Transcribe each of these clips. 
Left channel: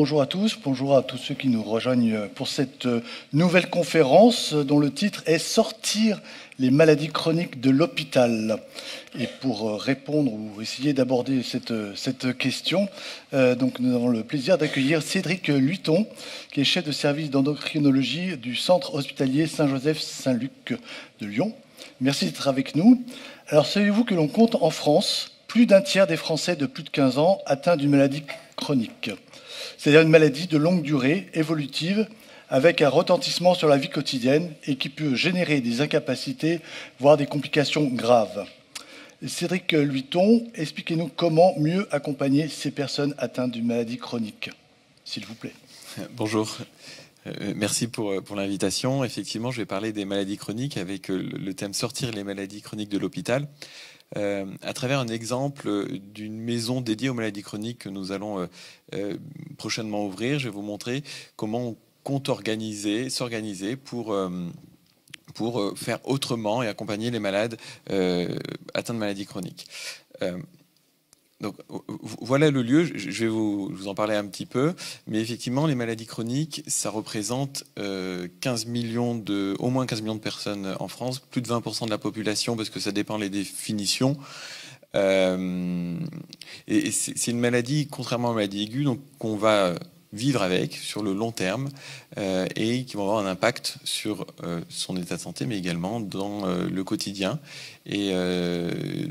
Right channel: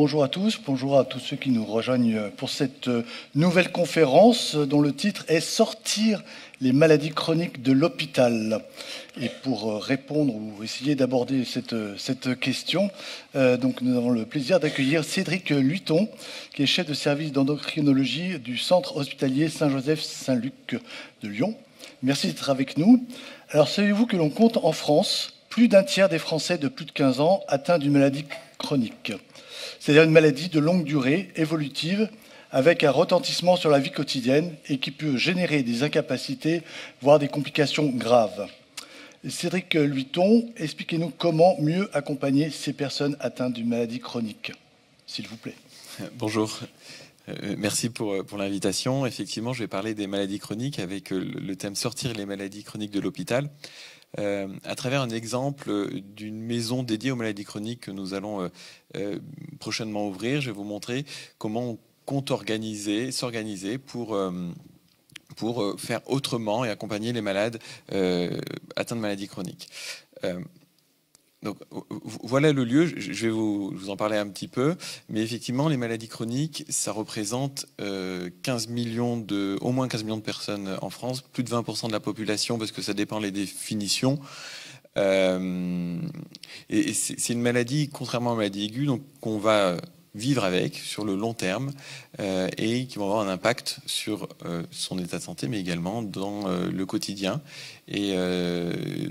Bonjour à tous, bonjour à tous ceux qui nous rejoignent pour cette nouvelle conférence dont le titre est Sortir les maladies chroniques de l'hôpital. Et pour répondre ou essayer d'aborder cette question, donc nous avons le plaisir d'accueillir Cédric Luiton, qui est chef de service d'endocrinologie du centre hospitalier Saint-Joseph-Saint-Luc de Lyon. Merci d'être avec nous. Alors savez-vous que l'on compte en France plus d'un tiers des Français de plus de 15 ans atteints d'une maladie chronique, c'est-à-dire une maladie de longue durée, évolutive, avec un retentissement sur la vie quotidienne et qui peut générer des incapacités, voire des complications graves. Cédric Luiton, expliquez-nous comment mieux accompagner ces personnes atteintes d'une maladie chronique, s'il vous plaît. Bonjour. Merci pour l'invitation. Effectivement, je vais parler des maladies chroniques avec le thème Sortir les maladies chroniques de l'hôpital. À travers un exemple d'une maison dédiée aux maladies chroniques que nous allons prochainement ouvrir, je vais vous montrer comment on compte s'organiser pour faire autrement et accompagner les malades atteints de maladies chroniques. Donc voilà le lieu, je vais vous en parler un petit peu, mais effectivement les maladies chroniques, ça représente au moins 15 millions de personnes en France, plus de 20% de la population parce que ça dépend des définitions. Et c'est une maladie, contrairement aux maladies aiguës, donc qu'on va vivre avec sur le long terme et qui vont avoir un impact sur son état de santé, mais également dans le quotidien. Et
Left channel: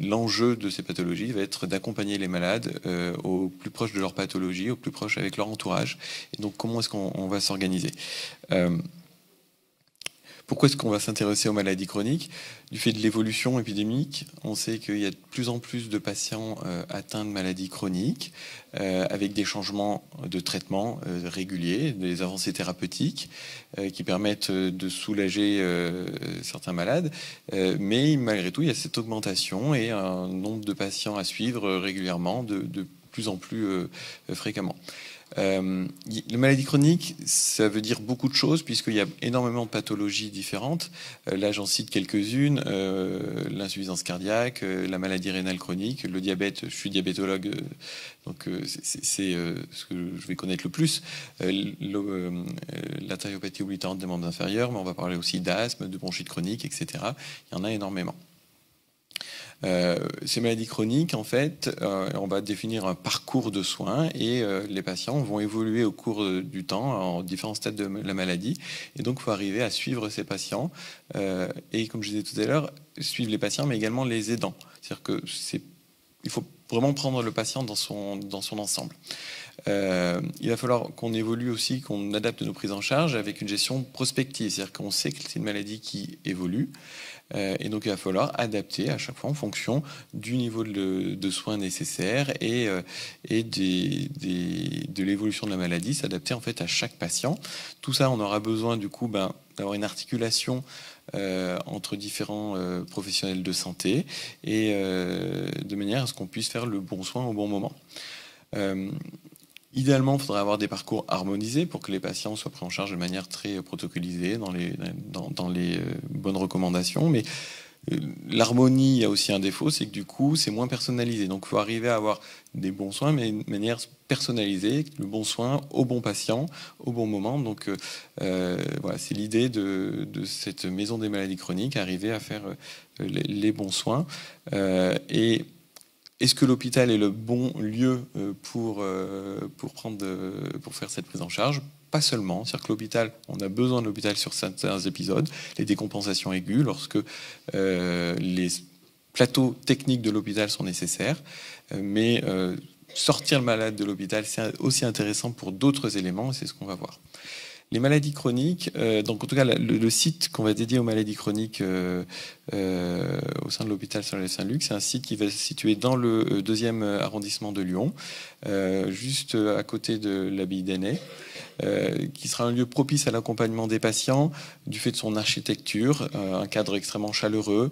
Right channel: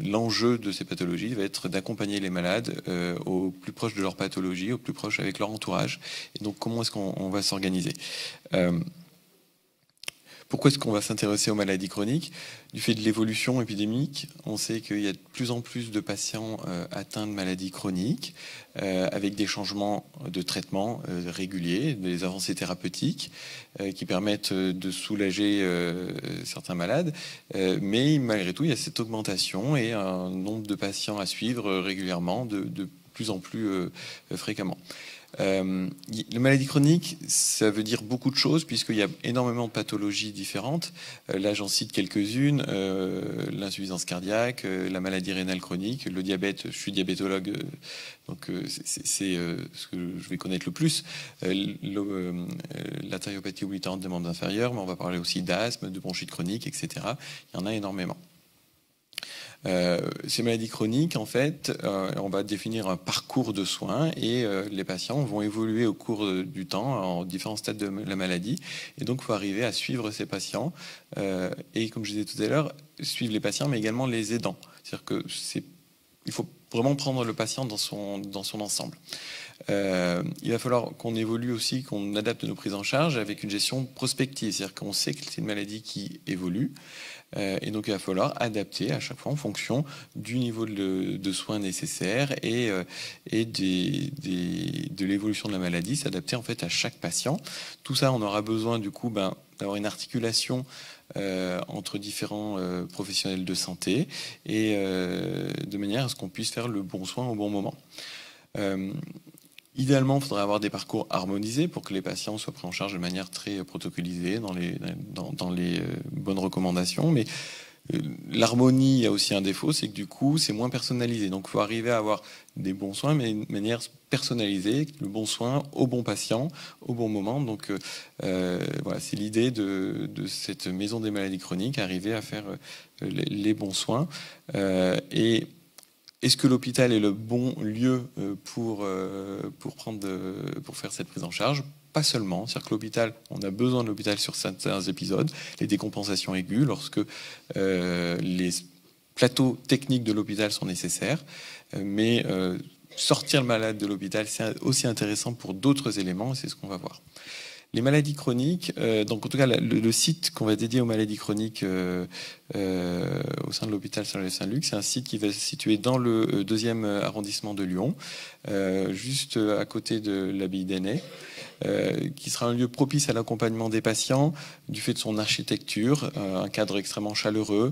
l'enjeu de ces pathologies va être d'accompagner les malades au plus proche de leur pathologie, au plus proche avec leur entourage. Et donc, comment est-ce qu'on va s'organiser ? Pourquoi est-ce qu'on va s'intéresser aux maladies chroniques ? Du fait de l'évolution épidémique, on sait qu'il y a de plus en plus de patients atteints de maladies chroniques, avec des changements de traitement réguliers, des avancées thérapeutiques qui permettent de soulager certains malades. Mais malgré tout, il y a cette augmentation et un nombre de patients à suivre régulièrement, de plus en plus fréquemment. La maladie chronique, ça veut dire beaucoup de choses puisqu'il y a énormément de pathologies différentes. Là, j'en cite quelques-unes. L'insuffisance cardiaque, la maladie rénale chronique, le diabète. Je suis diabétologue, donc c'est ce que je vais connaître le plus. L'artériopathie oblitérante des membres inférieurs, mais on va parler aussi d'asthme, de bronchite chronique, etc. Il y en a énormément. Ces maladies chroniques, en fait, on va définir un parcours de soins et les patients vont évoluer au cours du temps en différents stades de la maladie. Et donc, il faut arriver à suivre ces patients et, comme je disais tout à l'heure, suivre les patients, mais également les aidants. C'est-à-dire que il faut vraiment prendre le patient dans son ensemble. Il va falloir qu'on évolue aussi, qu'on adapte nos prises en charge avec une gestion prospective. C'est-à-dire qu'on sait que c'est une maladie qui évolue. Et donc il va falloir adapter à chaque fois en fonction du niveau de soins nécessaires et de l'évolution de la maladie, s'adapter en fait à chaque patient. Tout ça, on aura besoin du coup d'avoir une articulation entre différents professionnels de santé et de manière à ce qu'on puisse faire le bon soin au bon moment. Idéalement, il faudrait avoir des parcours harmonisés pour que les patients soient pris en charge de manière très protocolisée dans les bonnes recommandations. Mais l'harmonie, il y a aussi un défaut, c'est que du coup, c'est moins personnalisé. Donc, il faut arriver à avoir des bons soins, mais d'une manière personnalisée, le bon soin au bon patient, au bon moment. Donc, voilà, c'est l'idée de cette maison des maladies chroniques, arriver à faire les bons soins. Est-ce que l'hôpital est le bon lieu pour faire cette prise en charge ? Pas seulement. C'est-à-dire que l'hôpital, on a besoin de l'hôpital sur certains épisodes, les décompensations aiguës, lorsque les plateaux techniques de l'hôpital sont nécessaires. Mais sortir le malade de l'hôpital, c'est aussi intéressant pour d'autres éléments, et c'est ce qu'on va voir. Les maladies chroniques, donc en tout cas le site qu'on va dédier aux maladies chroniques au sein de l'hôpital Saint-Luc, c'est un site qui va se situer dans le 2e arrondissement de Lyon, juste à côté de l'abbaye d'Ainay, qui sera un lieu propice à l'accompagnement des patients du fait de son architecture, un cadre extrêmement chaleureux.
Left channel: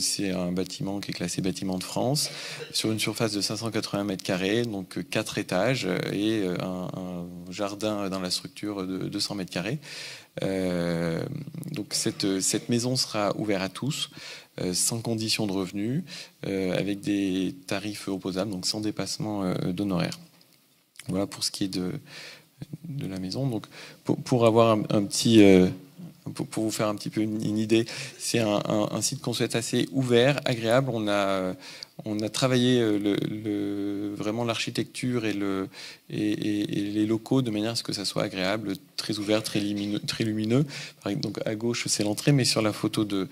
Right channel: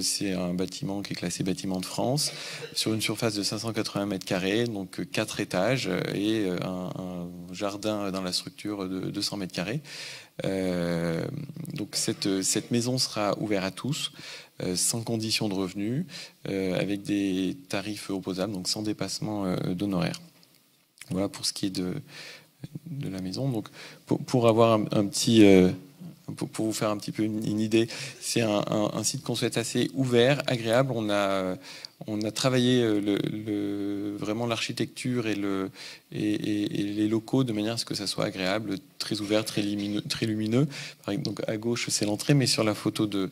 C'est un bâtiment qui est classé bâtiment de France, sur une surface de 580 mètres carrés, donc 4 étages et un jardin dans la structure de 200 mètres carrés. Donc cette maison sera ouverte à tous, sans condition de revenus, avec des tarifs opposables, donc sans dépassement d'honoraires. Voilà pour ce qui est de la maison. Donc, pour avoir un petit... pour vous faire un petit peu une idée, c'est un site qu'on souhaite assez ouvert, agréable. On a travaillé vraiment l'architecture et les locaux de manière à ce que ça soit agréable, très ouvert, très lumineux. Très lumineux. Donc à gauche, c'est l'entrée, mais sur la photo de...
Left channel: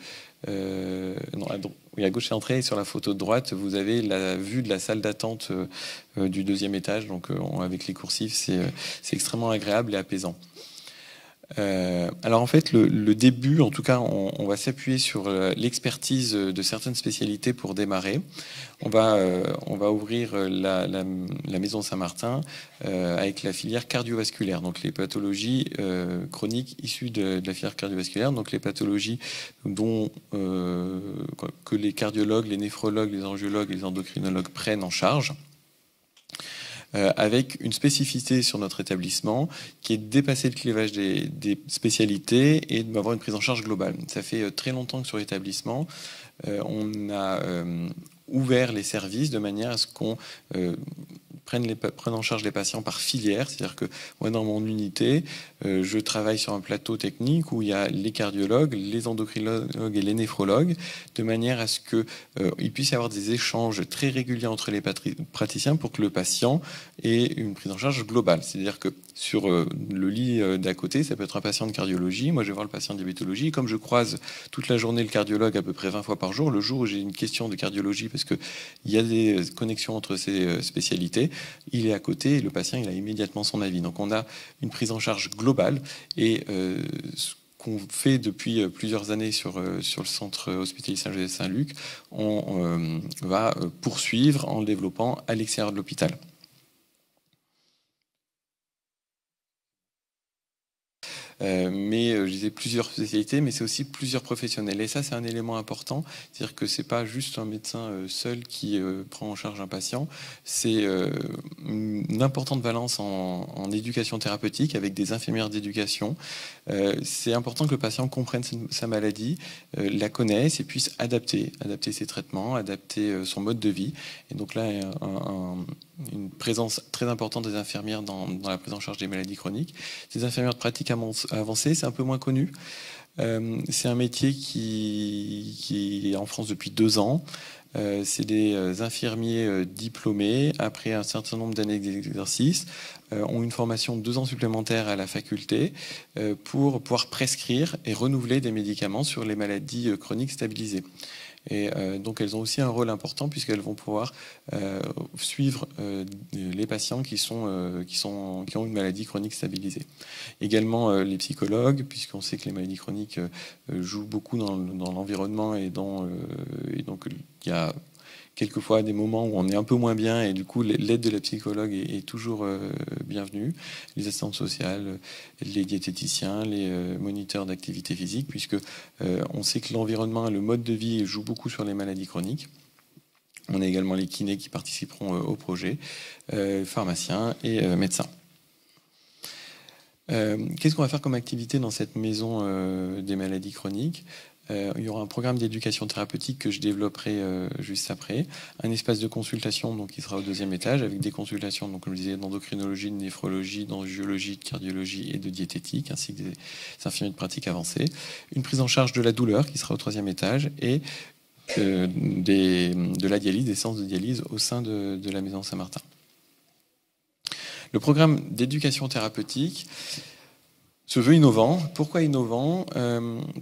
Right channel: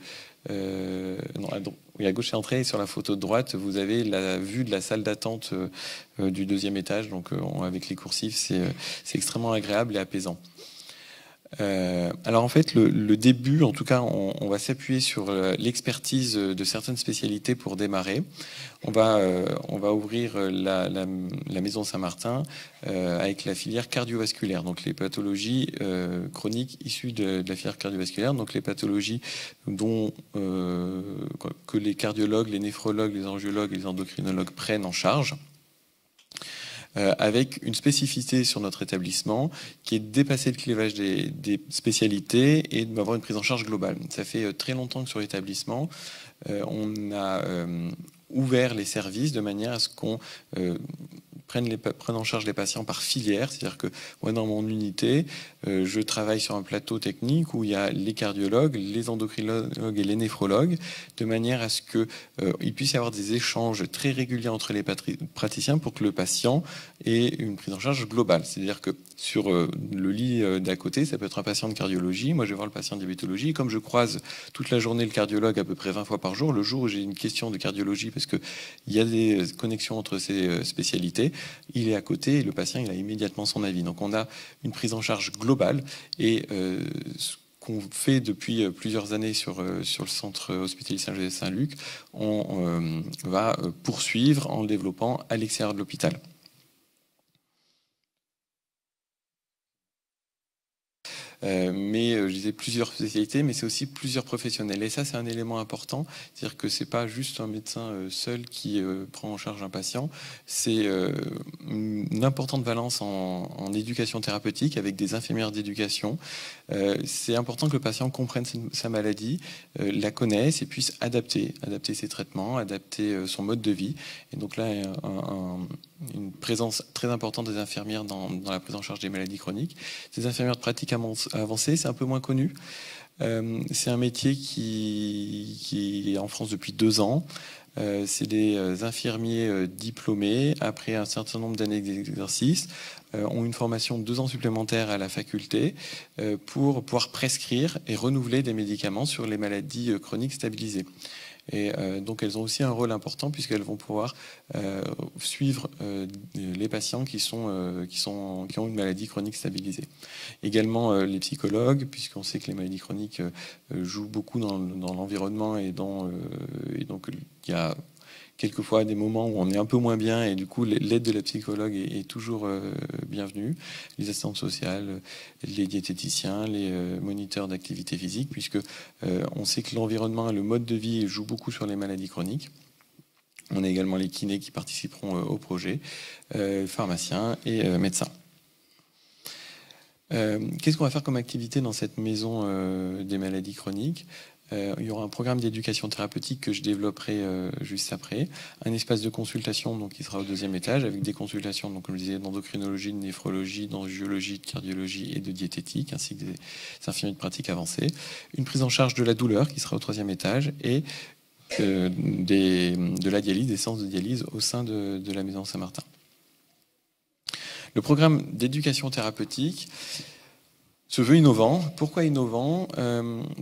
non, oui, à gauche, c'est l'entrée, et sur la photo de droite, vous avez la vue de la salle d'attente du deuxième étage. Donc avec les coursifs, c'est extrêmement agréable et apaisant. Alors en fait, le début, en tout cas, on va s'appuyer sur l'expertise de certaines spécialités pour démarrer. On va ouvrir la maison Saint-Martin avec la filière cardiovasculaire, donc les pathologies chroniques issues de la filière cardiovasculaire, donc les pathologies que les cardiologues, les néphrologues, les angiologues et les endocrinologues prennent en charge. Avec une spécificité sur notre établissement qui est de dépasser le clivage des spécialités et d'avoir une prise en charge globale. Ça fait très longtemps que sur l'établissement, on a ouvert les services de manière à ce qu'on prenne en charge les patients par filière. C'est-à-dire que moi, dans mon unité, je travaille sur un plateau technique où il y a les cardiologues, les endocrinologues et les néphrologues, de manière à ce qu'il puisse y avoir des échanges très réguliers entre les praticiens pour que le patient ait une prise en charge globale. C'est-à-dire que sur le lit d'à côté, ça peut être un patient de cardiologie. Moi, je vais voir le patient de diabétologie. Comme je croise toute la journée le cardiologue à peu près 20 fois par jour, le jour où j'ai une question de cardiologie, parce qu'il y a des connexions entre ces spécialités, il est à côté et le patient, il a immédiatement son avis. Donc, on a une prise en charge globale et ce qu'on fait depuis plusieurs années sur le centre hospitalier Saint-Joseph-Saint-Luc, on va poursuivre en le développant à l'extérieur de l'hôpital. Mais je disais plusieurs spécialités, mais c'est aussi plusieurs professionnels. Et ça, c'est un élément important. C'est-à-dire que c'est pas juste un médecin seul qui prend en charge un patient. C'est une importante valence en éducation thérapeutique avec des infirmières d'éducation. C'est important que le patient comprenne sa maladie, la connaisse et puisse adapter ses traitements, adapter son mode de vie. Et donc là, une présence très importante des infirmières dans la prise en charge des maladies chroniques. Ces infirmières de pratique avancée, c'est un peu moins connu. C'est un métier qui est en France depuis 2 ans. C'est des infirmiers diplômés, après un certain nombre d'années d'exercice, ont une formation de 2 ans supplémentaires à la faculté pour pouvoir prescrire et renouveler des médicaments sur les maladies chroniques stabilisées. Et donc elles ont aussi un rôle important puisqu'elles vont pouvoir suivre les patients qui ont une maladie chronique stabilisée. Également les psychologues, puisqu'on sait que les maladies chroniques jouent beaucoup dans l'environnement et donc il y a quelquefois des moments où on est un peu moins bien et du coup l'aide de la psychologue est toujours bienvenue. Les assistantes sociales, les diététiciens, les moniteurs d'activité physique, puisque on sait que l'environnement et le mode de vie jouent beaucoup sur les maladies chroniques. On a également les kinés qui participeront au projet, pharmaciens et médecins. Qu'est-ce qu'on va faire comme activité dans cette maison des maladies chroniques ? Il y aura un programme d'éducation thérapeutique que je développerai juste après. Un espace de consultation donc, qui sera au 2e étage avec des consultations, donc, comme je disais, d'endocrinologie, de néphrologie, d'angiologie, de cardiologie et de diététique, ainsi que des infirmiers de pratique avancée. Une prise en charge de la douleur qui sera au 3e étage et de la dialyse, des séances de dialyse au sein de la maison Saint-Martin. Le programme d'éducation thérapeutique se veut innovant. Pourquoi innovant ?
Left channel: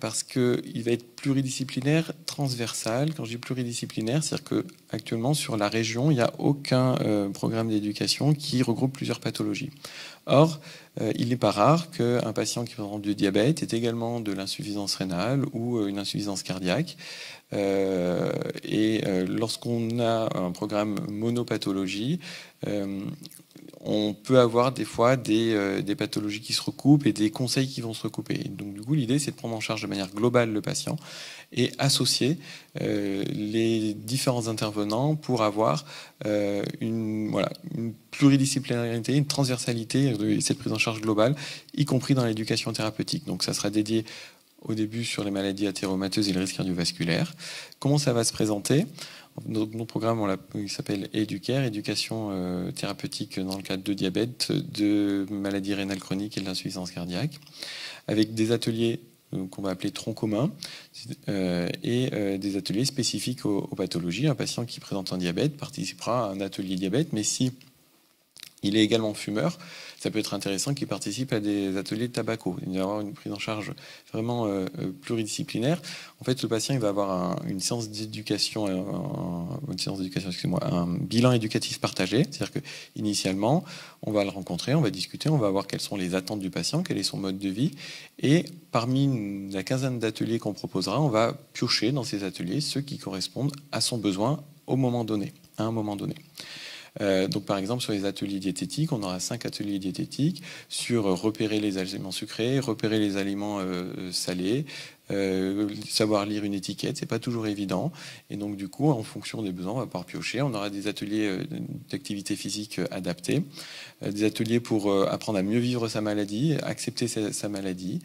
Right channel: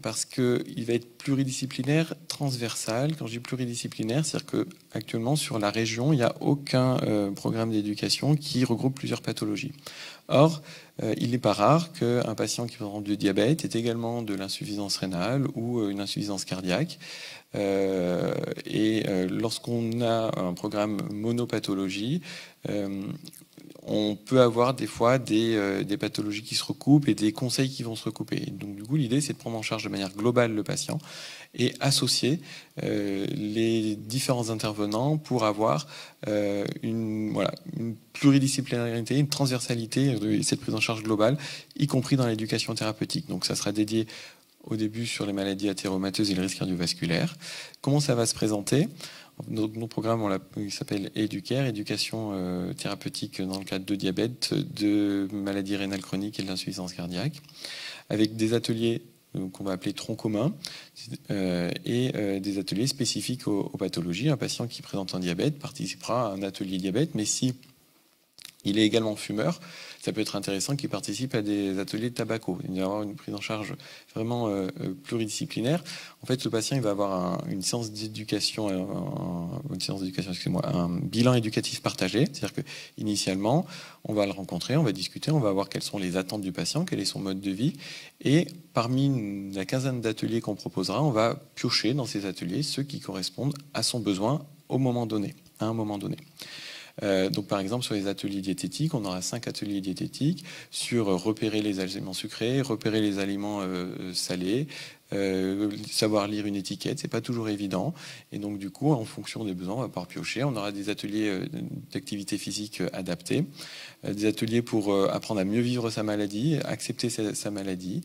Parce qu'il va être pluridisciplinaire, transversal. Quand je dis pluridisciplinaire, c'est-à-dire qu'actuellement, sur la région, il n'y a aucun programme d'éducation qui regroupe plusieurs pathologies. Or, il n'est pas rare qu'un patient qui présente du diabète ait également de l'insuffisance rénale ou une insuffisance cardiaque. Lorsqu'on a un programme monopathologie, on peut avoir des fois des pathologies qui se recoupent et des conseils qui vont se recouper. Et donc du coup, l'idée, c'est de prendre en charge de manière globale le patient et associer les différents intervenants pour avoir une pluridisciplinarité, une transversalité et cette prise en charge globale, y compris dans l'éducation thérapeutique. Donc ça sera dédié au début sur les maladies athéromateuses et le risque cardiovasculaire. Comment ça va se présenter ? Notre programme, il s'appelle Educare, éducation thérapeutique dans le cadre de diabète, de maladies rénales chroniques et de l'insuffisance cardiaque, avec des ateliers qu'on va appeler troncs communs et des ateliers spécifiques aux pathologies. Un patient qui présente un diabète participera à un atelier diabète, mais si il est également fumeur, ça peut être intéressant qu'il participe à des ateliers de tabaco. Il va y avoir une prise en charge vraiment pluridisciplinaire. En fait, le patient il va avoir une séance d'éducation, un bilan éducatif partagé. C'est-à-dire que initialement, on va le rencontrer, on va discuter, on va voir quelles sont les attentes du patient, quel est son mode de vie. Et parmi la quinzaine d'ateliers qu'on proposera, on va piocher dans ces ateliers ceux qui correspondent à son besoin au moment donné, à un moment donné. Donc par exemple sur les ateliers diététiques, on aura 5 ateliers diététiques sur repérer les aliments sucrés, repérer les aliments salés, savoir lire une étiquette, c'est pas toujours évident. Et donc du coup, en fonction des besoins, on va pouvoir piocher. On aura des ateliers d'activité physique adaptés, des ateliers pour apprendre à mieux vivre sa maladie, accepter sa maladie.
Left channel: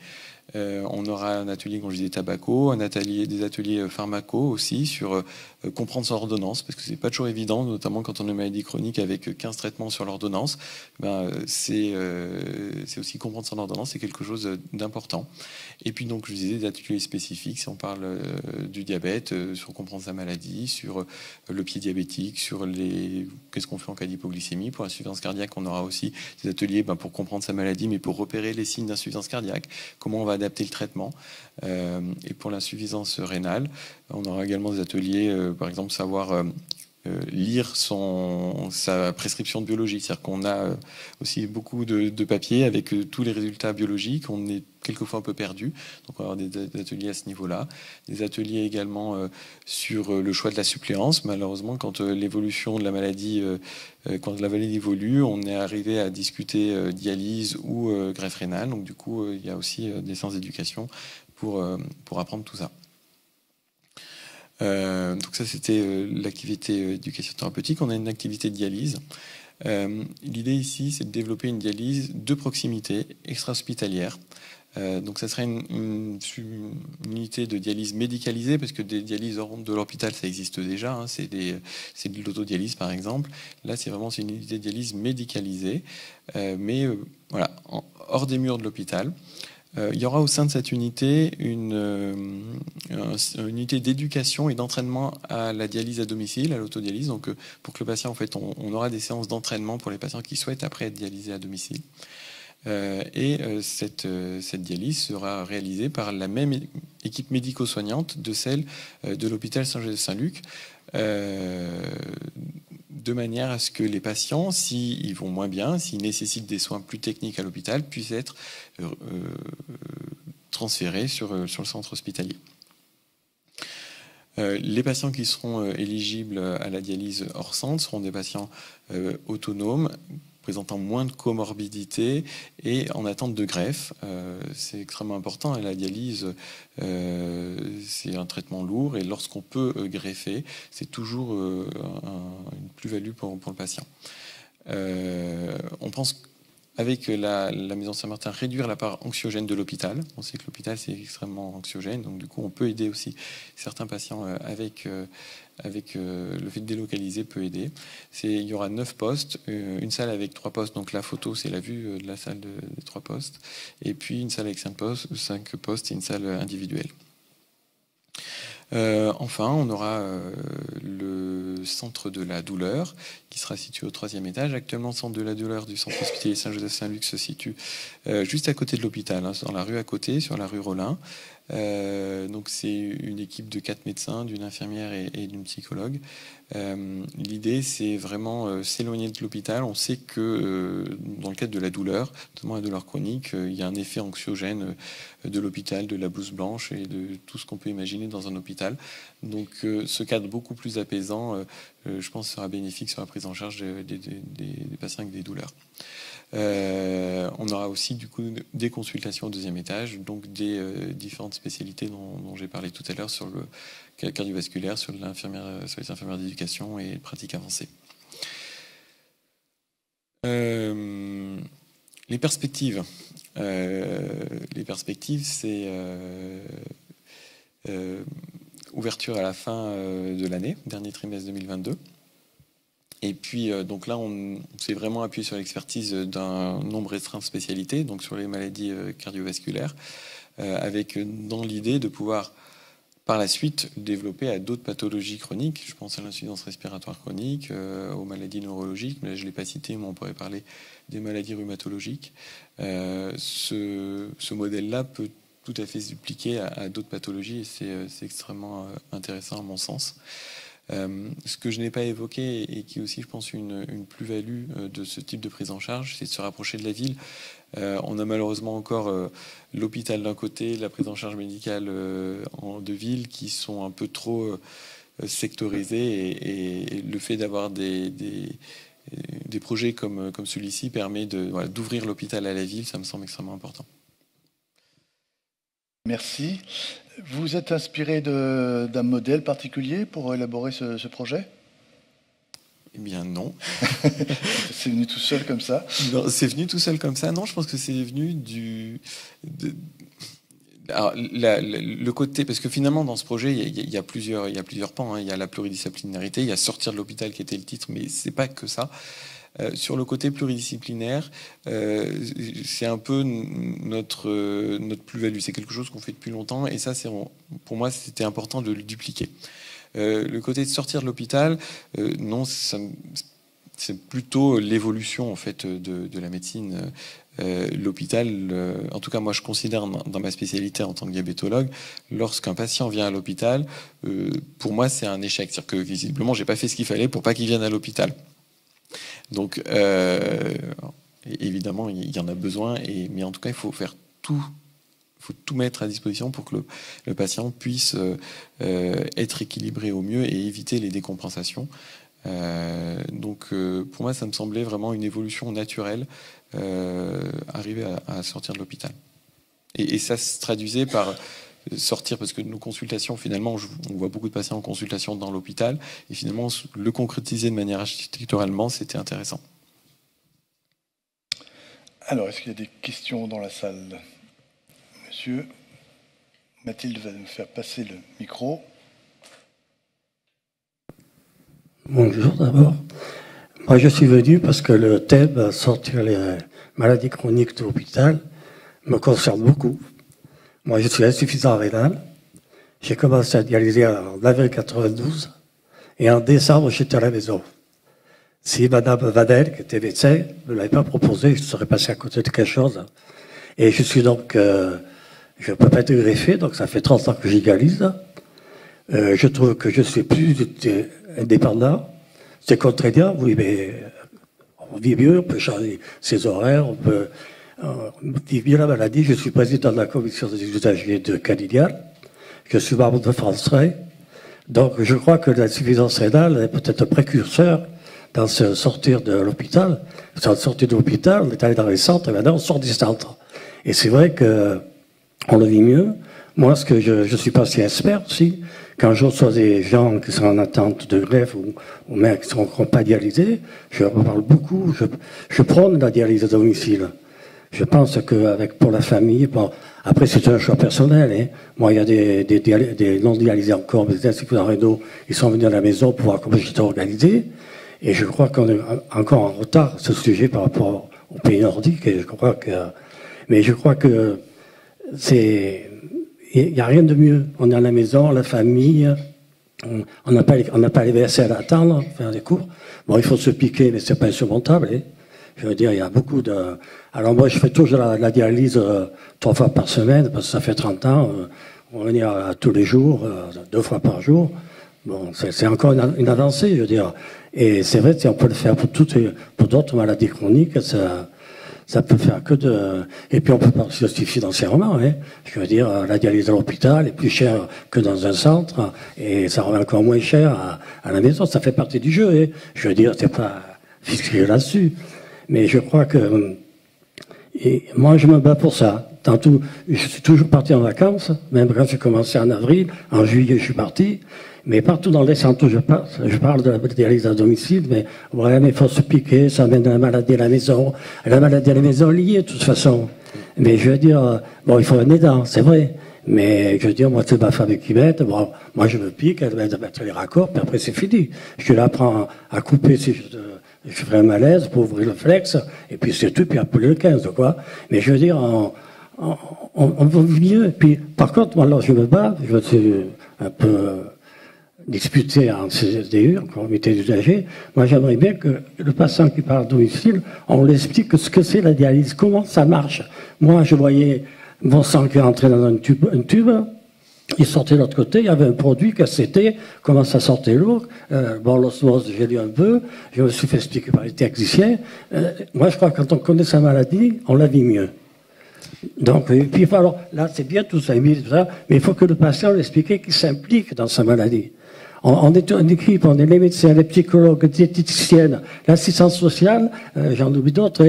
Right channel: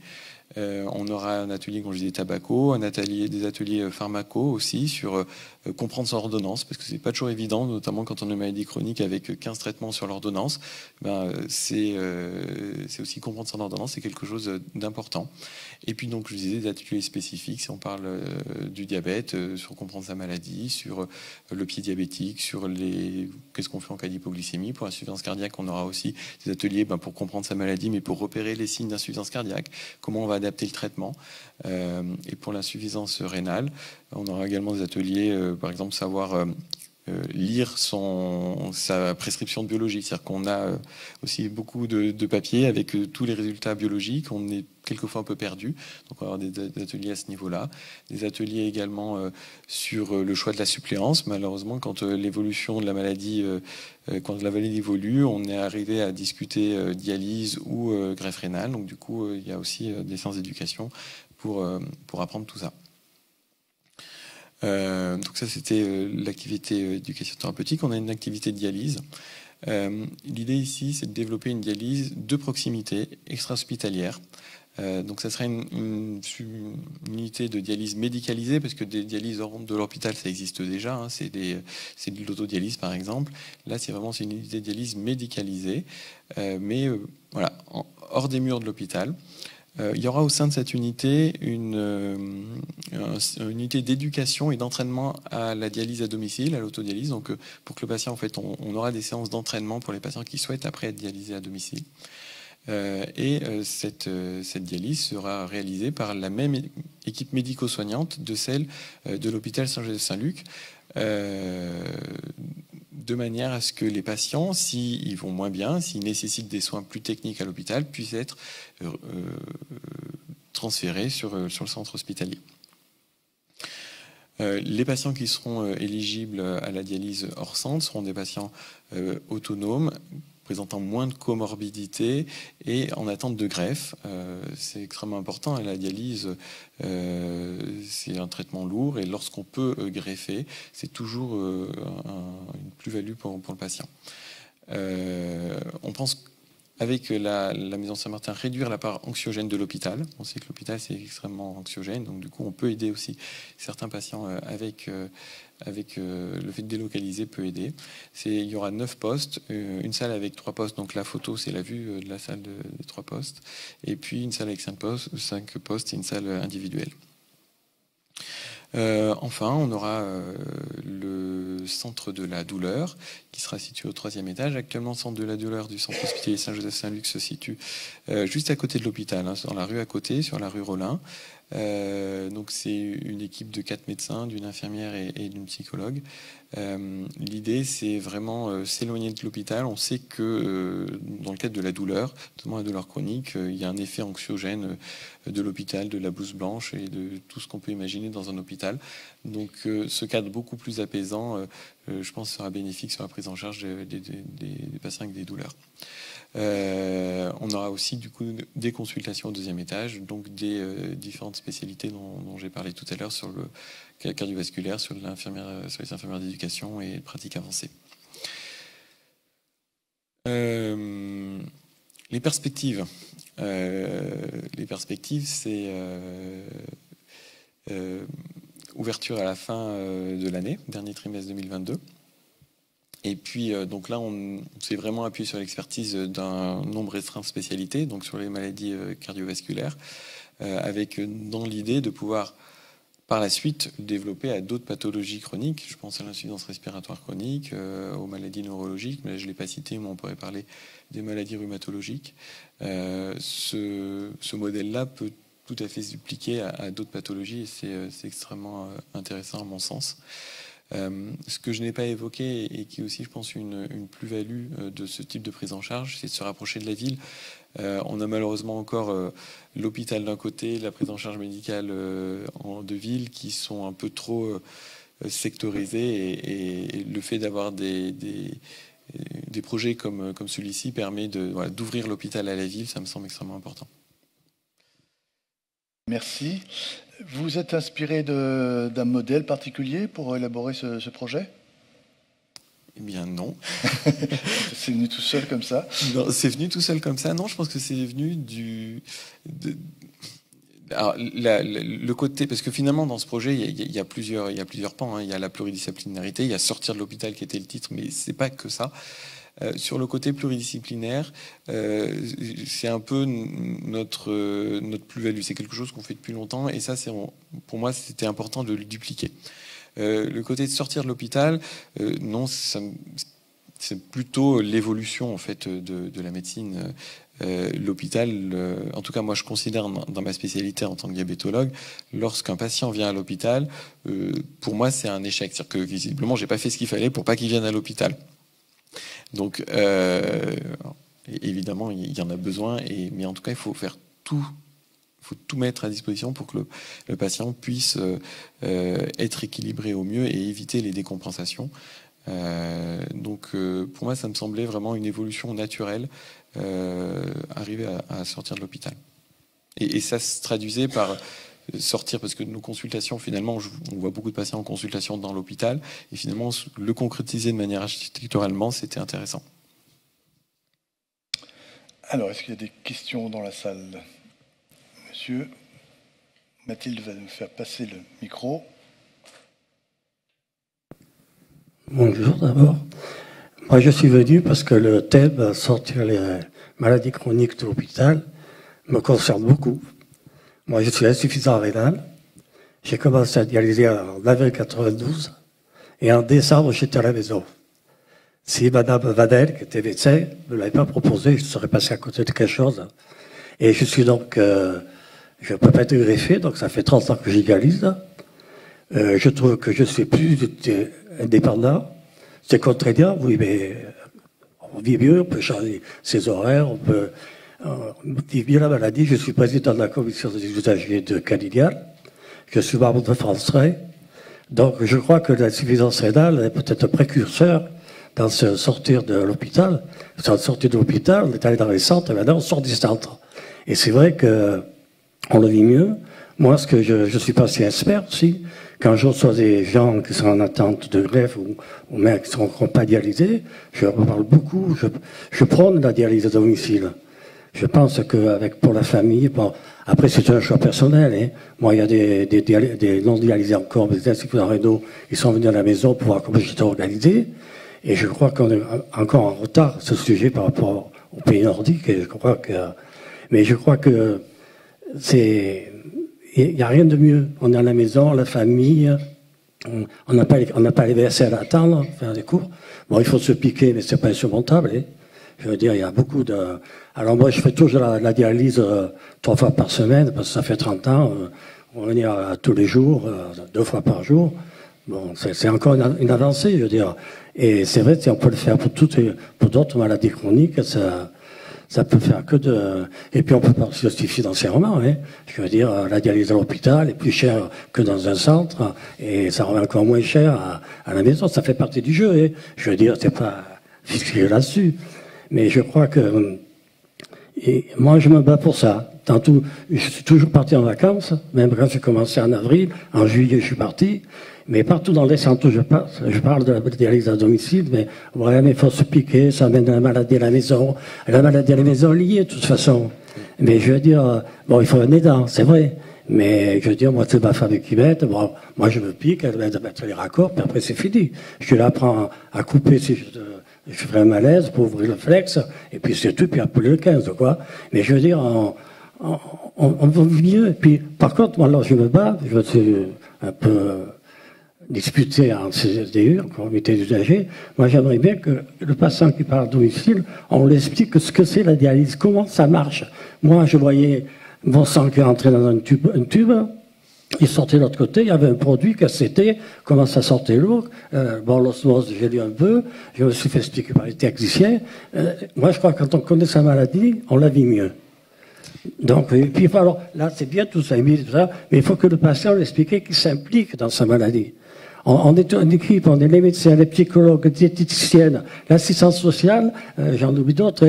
On aura un atelier, comme je disais, tabaco, des ateliers pharmaco aussi sur comprendre son ordonnance, parce que c'est pas toujours évident, notamment quand on a une maladie chronique avec 15 traitements sur l'ordonnance. C'est aussi comprendre son ordonnance, c'est quelque chose d'important. Et puis donc, je disais, des ateliers spécifiques, si on parle du diabète, sur comprendre sa maladie, sur le pied diabétique, sur qu'est-ce qu'on fait en cas d'hypoglycémie. Pour l'insuffisance cardiaque, on aura aussi des ateliers pour comprendre sa maladie, mais pour repérer les signes d'insuffisance cardiaque, comment on va adapter le traitement. Et pour l'insuffisance rénale, on aura également des ateliers, par exemple, savoir lire sa prescription biologique. C'est-à-dire qu'on a aussi beaucoup de papiers avec tous les résultats biologiques. On est quelquefois un peu perdu. Donc on va avoir des ateliers à ce niveau-là. Des ateliers également sur le choix de la suppléance. Malheureusement, quand l'évolution de la maladie, quand la maladie évolue, on est arrivé à discuter dialyse ou greffe rénale. Donc du coup, il y a aussi des séances d'éducation pour apprendre tout ça. Donc ça, c'était l'activité éducation thérapeutique. On a une activité de dialyse. L'idée ici, c'est de développer une dialyse de proximité, extra-hospitalière. Donc ça serait une unité de dialyse médicalisée, parce que des dialyses hors de l'hôpital, ça existe déjà. Hein, c'est de l'autodialyse, par exemple. Là, c'est une unité de dialyse médicalisée, mais voilà, hors des murs de l'hôpital. Il y aura au sein de cette unité une unité d'éducation et d'entraînement à la dialyse à domicile, à l'autodialyse. Donc, pour que le patient, en fait, on aura des séances d'entraînement pour les patients qui souhaitent après être dialysés à domicile. Cette dialyse sera réalisée par la même équipe médico-soignante de celle de l'hôpital Saint-Joseph-Saint-Luc, de manière à ce que les patients, s'ils vont moins bien, s'ils nécessitent des soins plus techniques à l'hôpital, puissent être transférés sur le centre hospitalier. Les patients qui seront éligibles à la dialyse hors centre seront des patients autonomes, présentant moins de comorbidité et en attente de greffe. C'est extrêmement important. La dialyse, c'est un traitement lourd et lorsqu'on peut greffer, c'est toujours une plus-value pour le patient. On pense avec la maison Saint-Martin réduire la part anxiogène de l'hôpital. On sait que l'hôpital c'est extrêmement anxiogène, donc du coup on peut aider aussi certains patients avec le fait de délocaliser peut aider. Il y aura 9 postes, une salle avec 3 postes, donc la photo c'est la vue de la salle des 3 postes, et puis une salle avec 5 postes et une salle individuelle. Enfin, on aura le centre de la douleur qui sera situé au 3e étage. Actuellement, le centre de la douleur du centre hospitalier Saint-Joseph-Saint-Luc se situe juste à côté de l'hôpital, hein, dans la rue à côté, sur la rue Rollin. Donc c'est une équipe de 4 médecins, d'une infirmière et d'une psychologue. L'idée, c'est vraiment s'éloigner de l'hôpital. On sait que dans le cadre de la douleur, notamment la douleur chronique, il y a un effet anxiogène de l'hôpital, de la blouse blanche et de tout ce qu'on peut imaginer dans un hôpital. Donc ce cadre beaucoup plus apaisant, je pense, sera bénéfique sur la prise en charge des patients avec des douleurs. On aura aussi du coup des consultations au 2e étage, donc des différentes spécialités dont j'ai parlé tout à l'heure sur le cardiovasculaire, sur les infirmières d'éducation et pratiques avancées. Les perspectives, c'est ouverture à la fin de l'année, dernier trimestre 2022. Et puis, donc là, on s'est vraiment appuyé sur l'expertise d'un nombre restreint de spécialités, donc sur les maladies cardiovasculaires, avec dans l'idée de pouvoir, par la suite, développer à d'autres pathologies chroniques. Je pense à l'insuffisance respiratoire chronique, aux maladies neurologiques, mais là, je ne l'ai pas cité, mais on pourrait parler des maladies rhumatologiques. Ce modèle-là peut tout à fait se dupliquer à d'autres pathologies, et c'est extrêmement intéressant à mon sens. Ce que je n'ai pas évoqué et qui est aussi, je pense, une plus-value de ce type de prise en charge, c'est de se rapprocher de la ville. On a malheureusement encore l'hôpital d'un côté, la prise en charge médicale de ville qui sont un peu trop sectorisés, et le fait d'avoir des projets comme celui-ci permet d'ouvrir l'hôpital à la ville, ça me semble extrêmement important. Merci. Vous êtes inspiré d'un modèle particulier pour élaborer ce projet? Eh bien non. C'est venu tout seul comme ça? Non, c'est venu tout seul comme ça. Non, je pense que c'est venu alors, le côté, parce que finalement dans ce projet il y a plusieurs pans, hein. Il y a la pluridisciplinarité, il y a sortir de l'hôpital qui était le titre, mais c'est pas que ça. Sur le côté pluridisciplinaire, c'est un peu notre plus-value. C'est quelque chose qu'on fait depuis longtemps, et ça, pour moi, c'était important de le dupliquer. Le côté de sortir de l'hôpital, non, c'est plutôt l'évolution en fait de la médecine. L'hôpital, en tout cas moi je considère dans ma spécialité en tant que diabétologue, lorsqu'un patient vient à l'hôpital, pour moi c'est un échec. C'est-à-dire que visiblement j'ai pas fait ce qu'il fallait pour pas qu'il vienne à l'hôpital. Donc évidemment il y en a besoin, mais en tout cas il faut faire tout. Il faut tout mettre à disposition pour que le patient puisse être équilibré au mieux et éviter les décompensations. Donc pour moi ça me semblait vraiment une évolution naturelle, arriver à sortir de l'hôpital. Et ça se traduisait par sortir, parce que nos consultations, finalement, on voit beaucoup de patients en consultation dans l'hôpital, et finalement le concrétiser de manière architecturalement, c'était intéressant. Alors, est-ce qu'il y a des questions dans la salle? Monsieur, Mathilde va nous faire passer le micro. Bonjour d'abord. Moi je suis venu parce que le thème sortir les maladies chroniques de l'hôpital me concerne beaucoup. Moi je suis insuffisant rénal. J'ai commencé à dialyser en avril 92 et en décembre j'étais à la maison. Si Madame Vadel, qui était médecin, ne m'avait pas proposé, je serais passé à côté de quelque chose. Et je suis donc, je ne peux pas être greffé, donc ça fait 30 ans que je dialyse. Je trouve que je suis plus indépendant. C'est contraignant, oui, mais on vit mieux, on peut changer ses horaires, on vit bien la maladie. Je suis président de la commission des usagers de Calignan. Je suis membre de France Train. Donc je crois que l'insuffisance rénale est peut-être un précurseur dans ce sortir de l'hôpital. Dans le sortir de l'hôpital, on est allé dans les centres et maintenant on sort du centre. Et c'est vrai qu'on le vit mieux. Moi, ce que je suis pas si expert aussi, quand je reçois des gens qui sont en attente de greffe ou même qui ne seront pas dialysés, je parle beaucoup, je prône la dialyse à domicile. Je pense qu'avec pour la famille, bon, après c'est un choix personnel, hein. Moi il y a des non dialysés encore, mais des insuffisants rénaux, ils sont venus à la maison pour voir comment j'étais organisé, et je crois qu'on est encore en retard ce sujet par rapport aux pays nordiques, et mais je crois que il n'y a rien de mieux. On est à la maison, la famille, on n'a pas les vaisselles à attendre, faire des cours. Bon, il faut se piquer, mais c'est pas insurmontable, hein. Je veux dire, il y a beaucoup de... Alors moi, je fais toujours la dialyse 3 fois par semaine, parce que ça fait 30 ans. On va dire tous les jours, 2 fois par jour. Bon, c'est encore une avancée, je veux dire. Et c'est vrai, si on peut le faire pour d'autres maladies chroniques, ça peut faire que de... Et puis on peut partir aussi financièrement, hein. Je veux dire, la dialyse à l'hôpital est plus chère que dans un centre, et ça revient encore moins cher à la maison. Ça fait partie du jeu, hein. Je veux dire, c'est pas fixé là-dessus. Mais je crois que... Et moi, je me bats pour ça. Tantôt, je suis toujours parti en vacances, même quand j'ai commencé en avril, en juillet, je suis parti. Mais partout dans les centres où je parle de la dialyse à domicile, mais ouais, mais il faut se piquer, ça amène la maladie à la maison. La maladie à la maison est liée, de toute façon. Mais je veux dire, bon, il faut un aidant, c'est vrai. Mais je veux dire, moi, c'est ma femme qui m'aide. Moi, je me pique, elle m'aide à mettre les raccords, puis après, c'est fini. Je l'apprends à couper si je fais un malaise pour ouvrir le flex, et puis c'est tout, puis appeler le 15, quoi. Mais je veux dire, on va mieux. Et puis, par contre, moi, alors, je me bats, je suis un peu discuté en CSDU, en comité d'usagers. Moi, j'aimerais bien que le patient qui part à domicile, on lui explique ce que c'est la dialyse, comment ça marche. Moi, je voyais mon sang qui rentrait dans un tube, il sortait de l'autre côté, il y avait un produit, c'était, comment ça sortait lourd. Bon, l'osmose, j'ai lu un peu, je me suis fait expliquer par les techniciens. Moi, je crois que quand on connaît sa maladie, on la vit mieux. Donc, et puis, alors, là, c'est bien tout ça, mais il faut que le patient l'explique qu'il s'implique dans sa maladie. On est une équipe, on est les médecins, les psychologues, les diététiciennes, l'assistance sociale, j'en oublie d'autres,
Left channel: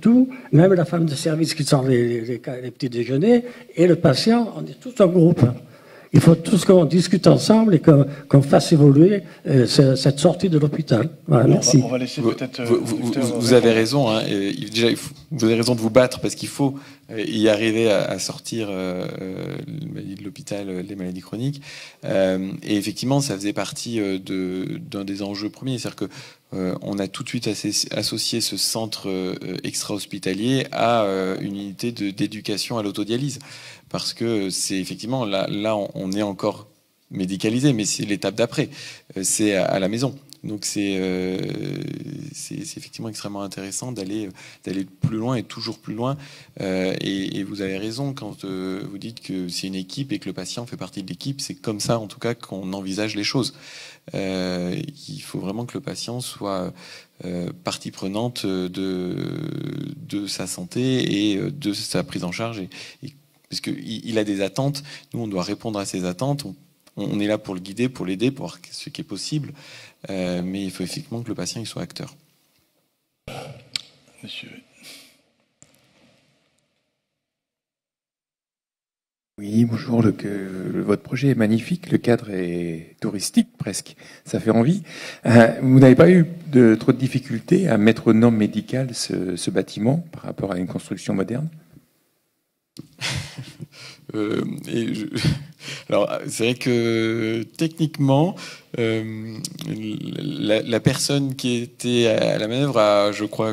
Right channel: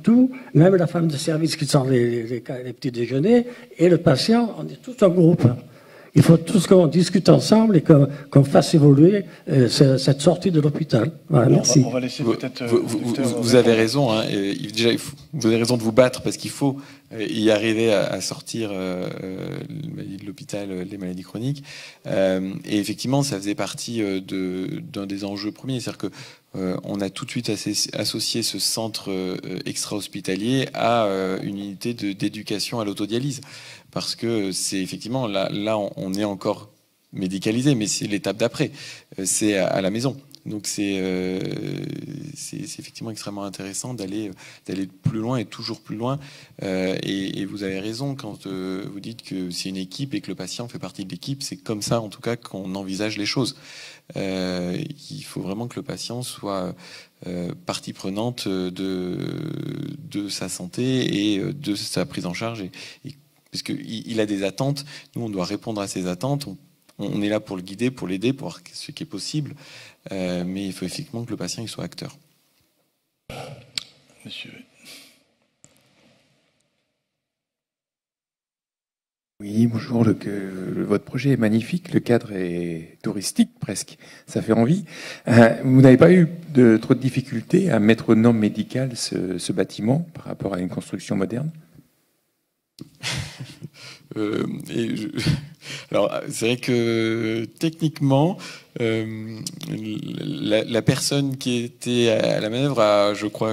tout, même la femme de service qui sort les petits déjeuners, et le patient, on est tout un groupe. Il faut tous qu'on discute ensemble et qu'on fasse évoluer cette sortie de l'hôpital. Voilà, merci. On va laisser peut-être. Vous avez raison. Hein, vous avez raison de vous battre parce qu'il faut y arriver à sortir de l'hôpital les maladies chroniques. Et effectivement, ça faisait partie d'un des enjeux premiers, c'est-à-dire que on a tout de suite associé ce centre extra-hospitalier à une unité d'éducation à l'autodialyse. Parce que c'est effectivement, là on est encore médicalisé, mais c'est l'étape d'après, c'est à la maison. Donc c'est effectivement extrêmement intéressant d'aller plus loin et toujours plus loin. Et vous avez raison quand vous dites que c'est une équipe et que le patient fait partie de l'équipe. C'est comme ça en tout cas qu'on envisage les choses. Il faut vraiment que le patient soit partie prenante de sa santé et de sa prise en charge. Parce qu'il a des attentes, nous on doit répondre à ses attentes, on est là pour le guider, pour l'aider, pour voir ce qui est possible, mais il faut effectivement que le patient il soit acteur. Monsieur. Oui, bonjour, votre projet est magnifique, le cadre est touristique presque, ça fait envie. Vous n'avez pas eu trop de difficultés à mettre aux normes médicales ce bâtiment par rapport à une construction moderne? Alors, c'est vrai que techniquement, la personne qui était à la manœuvre a, je crois,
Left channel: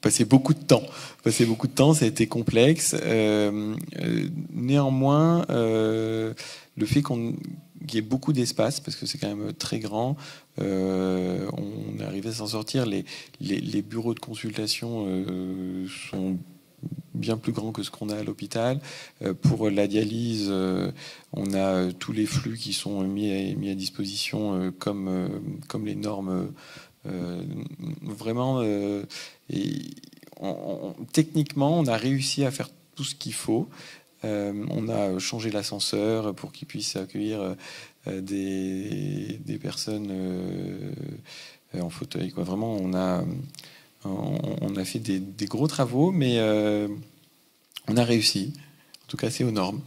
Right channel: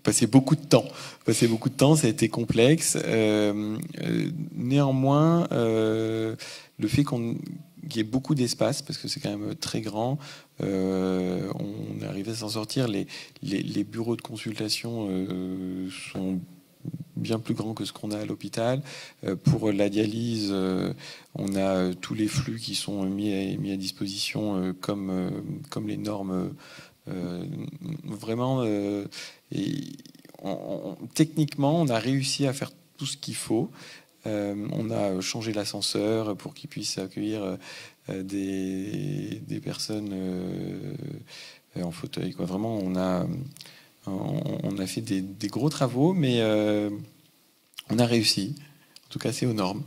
passé beaucoup de temps. Ça a été complexe. Néanmoins, le fait qu'il y ait beaucoup d'espace, parce que c'est quand même très grand, on est arrivé à s'en sortir. Les bureaux de consultation sont bien plus grand que ce qu'on a à l'hôpital. Pour la dialyse, on a tous les flux qui sont mis à disposition comme les normes. Vraiment, techniquement, on a réussi à faire tout ce qu'il faut. On a changé l'ascenseur pour qu'il puisse accueillir des personnes en fauteuil, quoi. Vraiment, on a fait des gros travaux, mais on a réussi. En tout cas, c'est aux normes.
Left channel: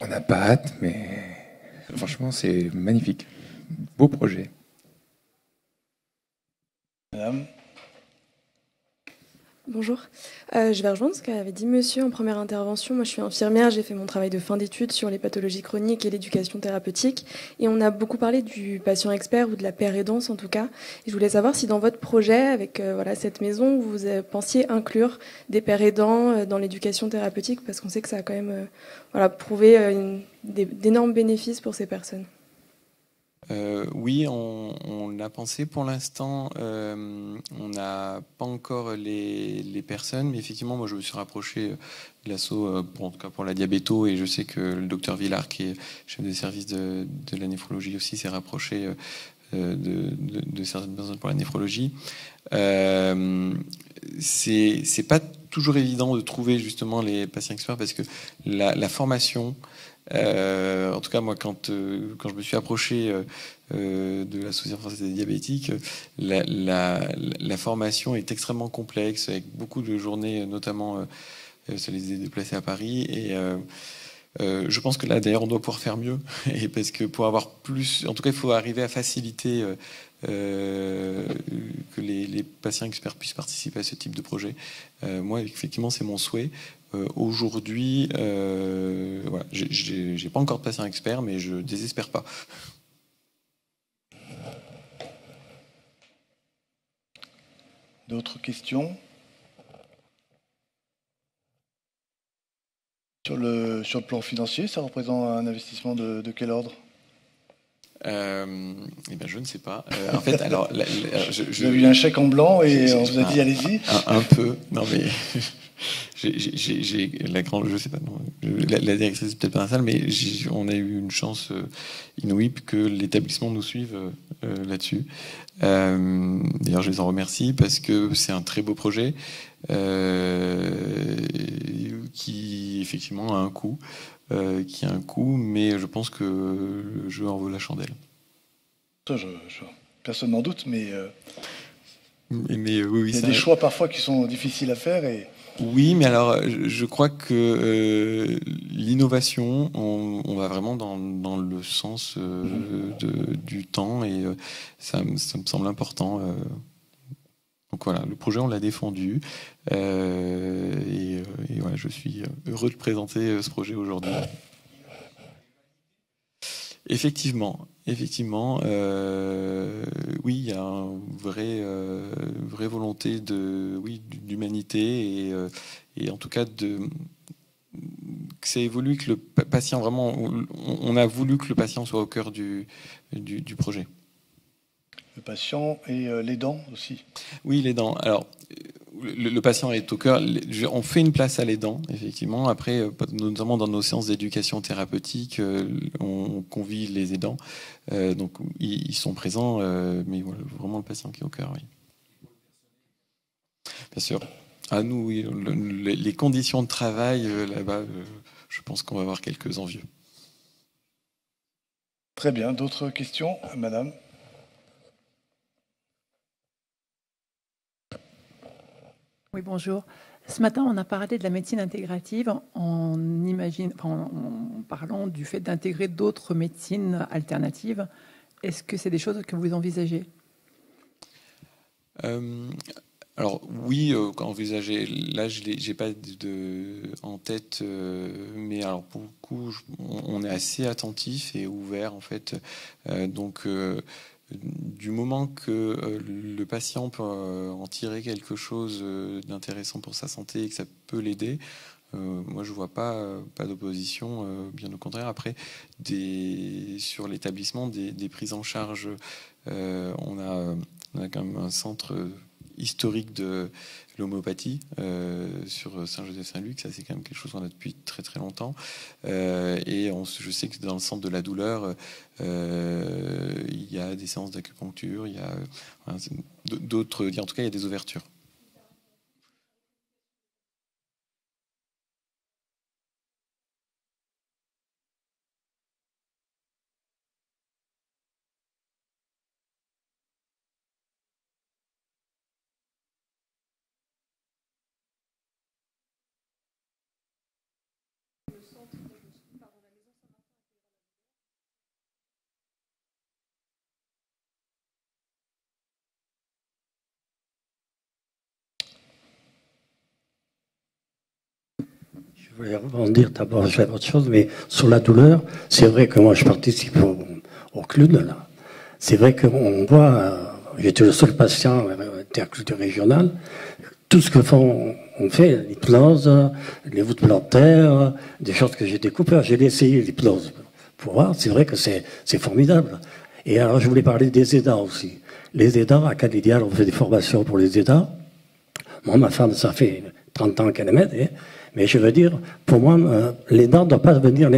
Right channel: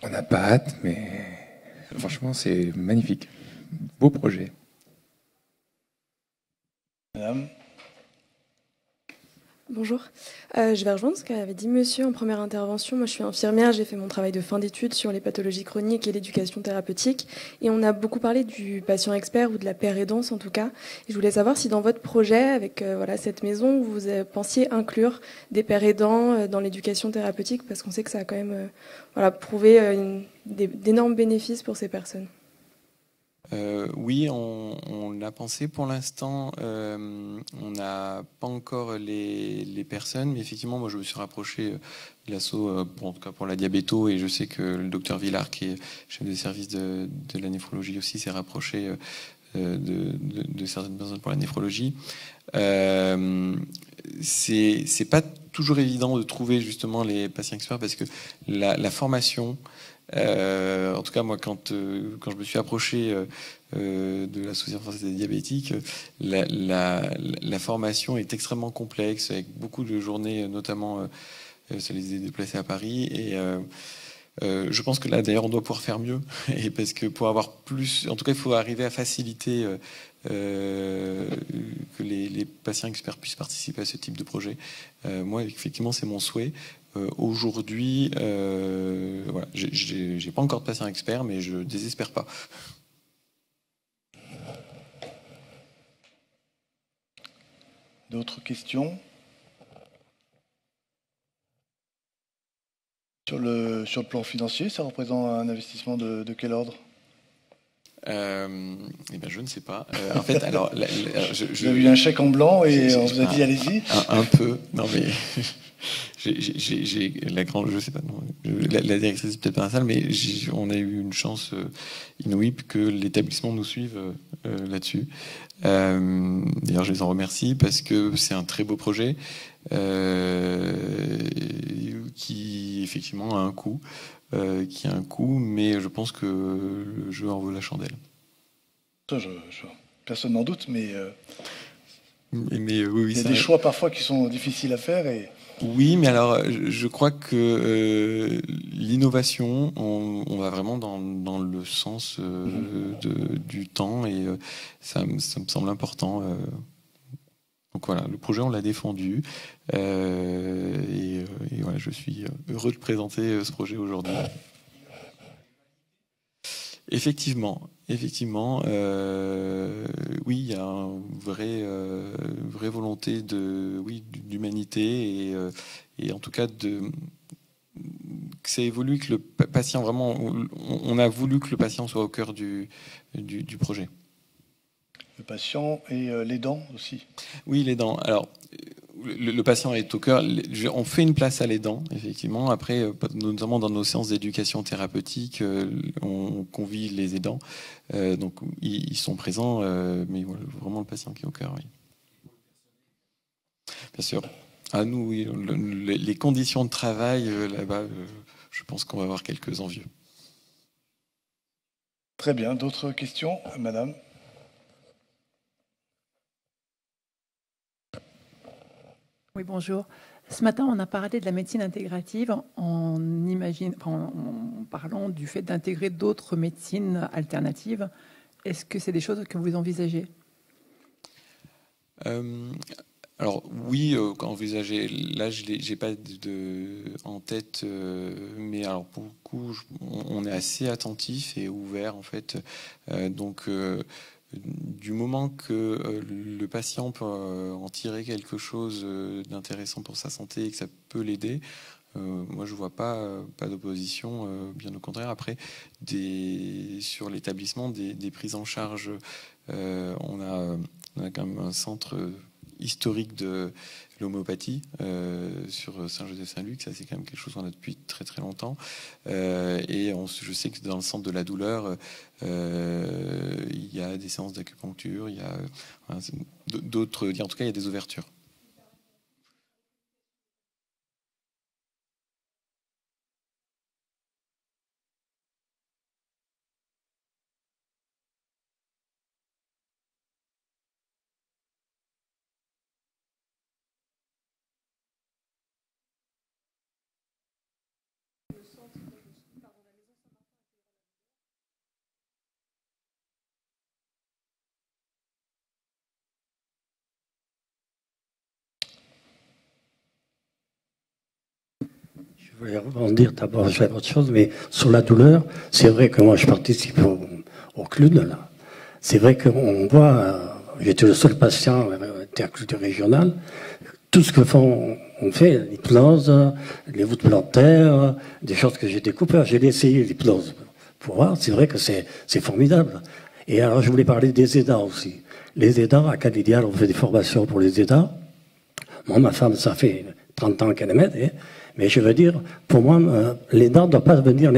On n'a pas hâte, mais franchement, c'est magnifique. Beau projet. Madame. Bonjour. Je vais rejoindre ce qu'avait dit monsieur en première intervention. Moi, je suis infirmière, j'ai fait mon travail de fin d'études sur les pathologies chroniques et l'éducation thérapeutique. Et on a beaucoup parlé du patient expert ou de la pérédance en tout cas. Et je voulais savoir si dans votre projet, avec cette maison, vous pensiez inclure des pérédants dans l'éducation thérapeutique, parce qu'on sait que ça a quand même prouvé d'énormes bénéfices pour ces personnes. Oui, on l'a pensé pour l'instant. On n'a pas encore les personnes, mais effectivement, moi je me suis rapproché de l'asso en tout cas pour la diabéto, et je sais que le docteur Villard, qui est chef de service de la néphrologie aussi, s'est rapproché de certaines personnes pour la néphrologie. C'est pas toujours évident de trouver justement les patients experts, parce que la formation. En tout cas, moi, quand je me suis approché de l'Association française des diabétiques, la formation est extrêmement complexe, avec beaucoup de journées, notamment ça les a déplacés à Paris, et Je pense que là, d'ailleurs, on doit pouvoir faire mieux, et parce que pour avoir plus, en tout cas, il faut arriver à faciliter que les patients experts puissent participer à ce type de projet. Moi, effectivement, c'est mon souhait. Aujourd'hui, voilà, j'ai pas encore de patient expert, mais je désespère pas. D'autres questions? Sur le plan financier, ça représente un investissement de quel ordre? Eh ben, je ne sais pas. En fait, alors, Vous avez eu un chèque en blanc et on vous a dit allez-y. Un peu. Non mais j'ai la grande, je sais pas. Non, la directrice peut-être pas un salle, mais on a eu une chance inouïe que l'établissement nous suive là-dessus. D'ailleurs, je les en remercie parce que c'est un très beau projet qui effectivement a un coût. Qui a un coût, mais je pense que le jeu en vaut la chandelle. Ça, personne n'en doute, mais oui, il y a des choix parfois qui sont difficiles à faire. Oui, mais alors je crois que l'innovation, on va vraiment dans le sens du temps, et ça me semble important. Donc voilà, le projet, on l'a défendu, et voilà, je suis heureux de présenter ce projet aujourd'hui. Effectivement, oui, il y a une vraie volonté d'humanité, et en tout cas que ça évolue, que le patient, vraiment, on a voulu que le patient soit au cœur du projet. Le patient et l'aidant aussi. Oui, l'aidant. Alors, le patient est au cœur. On fait une place à l'aidant, effectivement. Après, notamment dans nos séances d'éducation thérapeutique, on convie les aidants. Donc, ils sont présents, mais voilà, vraiment le patient qui est au cœur, oui. Bien sûr. À nous, oui, les conditions de travail, là-bas, je pense qu'on va avoir quelques envieux. Très bien. D'autres questions, madame? Oui, bonjour. Ce matin, on a parlé de la médecine intégrative en parlant du fait d'intégrer d'autres médecines alternatives. Est-ce que c'est des choses que vous envisagez? Alors oui, envisager. Là, j'ai pas en tête, mais alors pour le coup, on est assez attentif et ouvert en fait. Donc du moment que le patient peut en tirer quelque chose d'intéressant pour sa santé et que ça peut l'aider, moi je vois pas d'opposition, bien au contraire. Après, sur l'établissement, des prises en charge, on a quand même un centre historique de l'homéopathie sur Saint-Joseph-Saint-Luc. Ça, c'est quand même quelque chose qu'on a depuis très très longtemps, et je sais que dans le centre de la douleur, il y a des séances d'acupuncture, il y a d'autres, en tout cas il y a des ouvertures. Je voulais rebondir d'abord sur autre chose, mais sur la douleur, c'est vrai que moi je participe au CLUD, là. C'est vrai qu'on voit, j'étais le seul patient du régional, tout ce que on fait, l'hypnose, les voûtes plantaires, des choses que j'ai découpées. J'ai essayé l'hypnose pour voir, c'est vrai que c'est formidable. Et alors je voulais parler des aidants aussi. Les aidants, à Calidial, on fait des formations pour les aidants. Moi, ma femme, ça fait 30 ans qu'elle est, mais je veux dire, pour moi, l'aidant ne doit pas devenir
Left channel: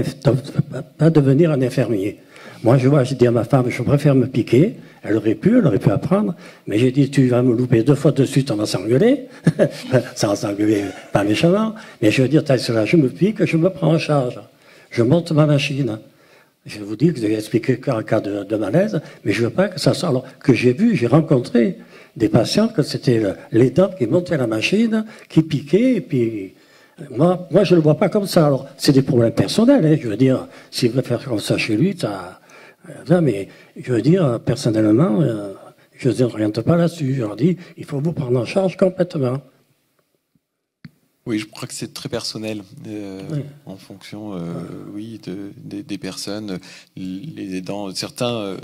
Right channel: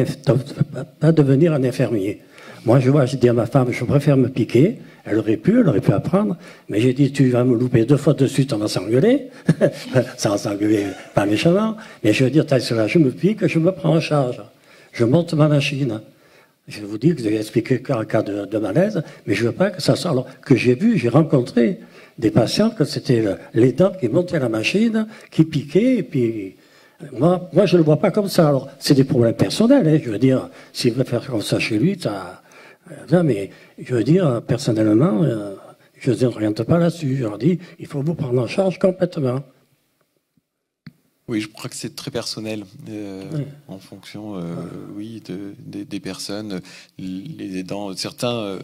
un infirmier. Moi, je dis à ma femme, je préfère me piquer. Elle aurait pu apprendre, mais j'ai dit, tu vas me louper 2 fois de suite, on va s'engueuler. Ça va s'engueuler pas méchamment, mais je veux dire, là, je me pique, je me prends en charge. Je monte ma machine. Je vous dis que j'ai expliqué qu'en cas de malaise, mais je veux pas que ça soit... Alors, que j'ai rencontré des patients que c'était l'aidant qui montait la machine, qui piquait, et puis Moi, je ne le vois pas comme ça. Alors, c'est des problèmes personnels, hein, je veux dire. S'il veut faire comme ça chez lui, non, mais je veux dire, personnellement, je ne oriente pas là-dessus. Je leur dis, il faut vous prendre en charge complètement. Oui, je crois que c'est très personnel, Oui. en fonction, oui, des personnes. Les aidants, certains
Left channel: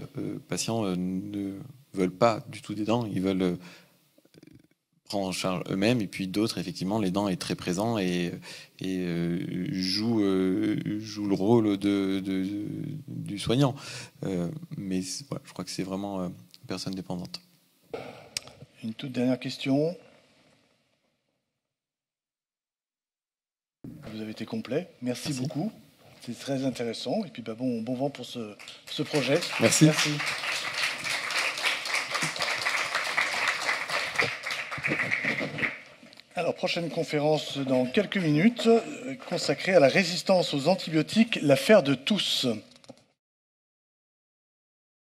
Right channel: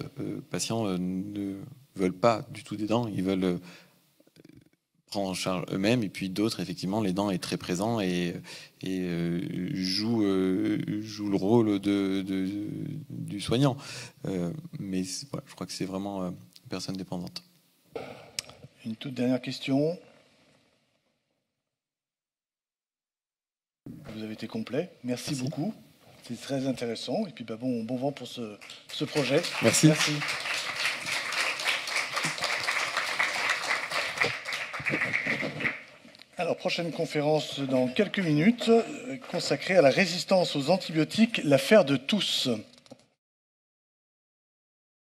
patients ne veulent pas du tout des dents, ils veulent prendre en charge eux-mêmes, et puis d'autres, effectivement, l'aidant est très présent et joue le rôle du soignant. Mais voilà, je crois que c'est vraiment personne dépendante. Une toute dernière question. Vous avez été complet. Merci beaucoup. C'est très intéressant. Et puis bon vent pour ce projet. Merci. Alors, prochaine conférence dans quelques minutes, consacrée à la résistance aux antibiotiques, l'affaire de tous.